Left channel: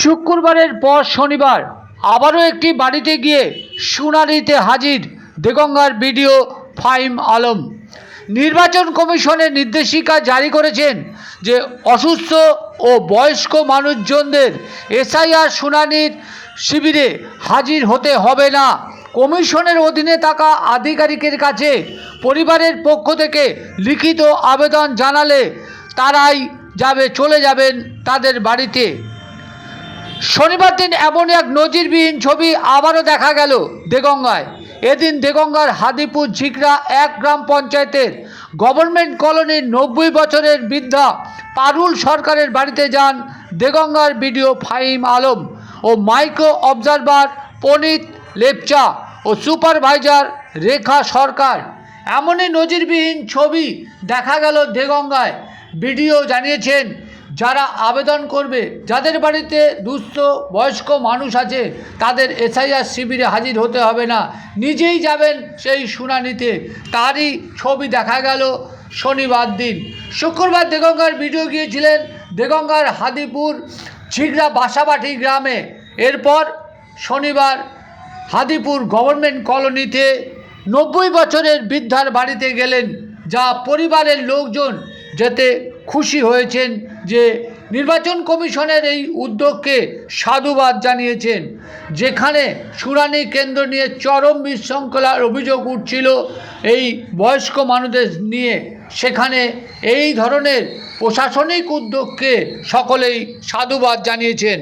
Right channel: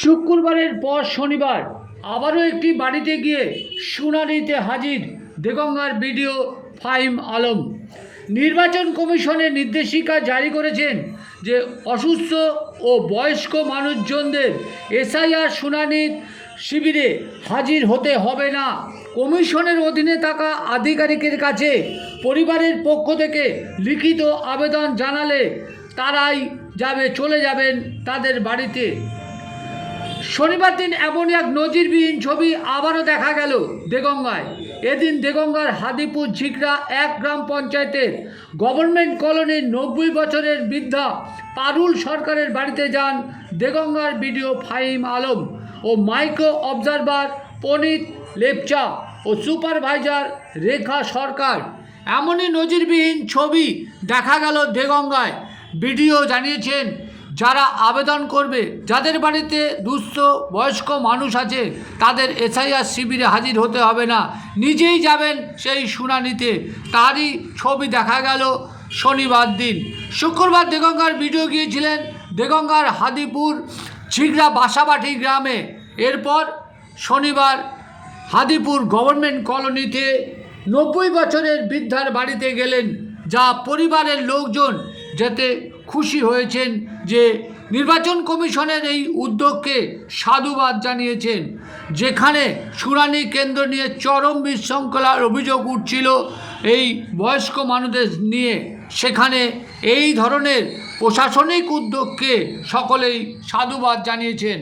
শুক্রবারের পর শনিবার আবারও একটি বাড়িতে গিয়ে শুনানিতে হাজির দেগঙ্গার বিডিও ফাহিম আলম। নির্বাচন কমিশনের নির্দেশিকা জারি করেছেন যে অসুস্থ ও বয়স্ক মানুষজনদের এসআইআর শুনানির শিবিরে হাজির হতে হবে না। কমিশনের অধীনে থাকা আধিকারিকের কাছে পরিবারের পক্ষ থেকে লিখিত আবেদন জানালে তারাই চলে যাবেন তাদের বাড়িতে। শনিবার দিন এমন এক নজিরবিহীন ছবি আবারও দেখা গেল দেগঙ্গায়। এদিন দেগঙ্গার হাদিপুর ঝিকরা 1 গ্রাম পঞ্চায়েতের গভর্নমেন্ট কলোনির 90 বছরের বৃদ্ধা পারুল সরকারের বাড়িতে যান দেগঙ্গার বিডিও ফাহিম আলম ও মাইক্রো অবজারভার পনিত লেপচা ও সুপারভাইজার রেখা সরকার। এমনই নজিরবিহীন ছবি দেখা গেল দেগঙ্গায়। বিডিও জানিয়েছেন, যারা আবেদন করবে, যাদের বাড়িতে দুস্থ বয়স্ক মানুষ আছে, তাদের এসআইআর শিবিরে হাজির হতে হবে না, নিজেই যাবেন সেই শুনানিতে। তারই ছবি দেখা গেল শনিবার দিন। শুক্রবার দেগঙ্গার বিডিও গিয়েছিলেন দেগঙ্গার হাদিপুর ঝিগড়া বাসাবাটি গ্রামে। এরপর শনিবার হাদিপুর গভর্নমেন্ট কলোনিতে 90 বছরের বৃদ্ধার বাড়িতে গেলেন, যা পরিবারের লোকজন যেতে খুশি হয়েছেন, যে নির্বাচন কমিশনের এই উদ্যোগকে সাধুবাদ জানিয়েছেন। যেখানে শুনানি কেন্দ্র নিয়ে চরম বিশৃঙ্খলার অভিযোগ উঠছিল এই বয়স্ক মানুষদের নিয়ে, সেখানে এই ধরনের প্রশাসনিক উদ্যোগকে সকলেই সাধুবাদ জানিয়েছেন।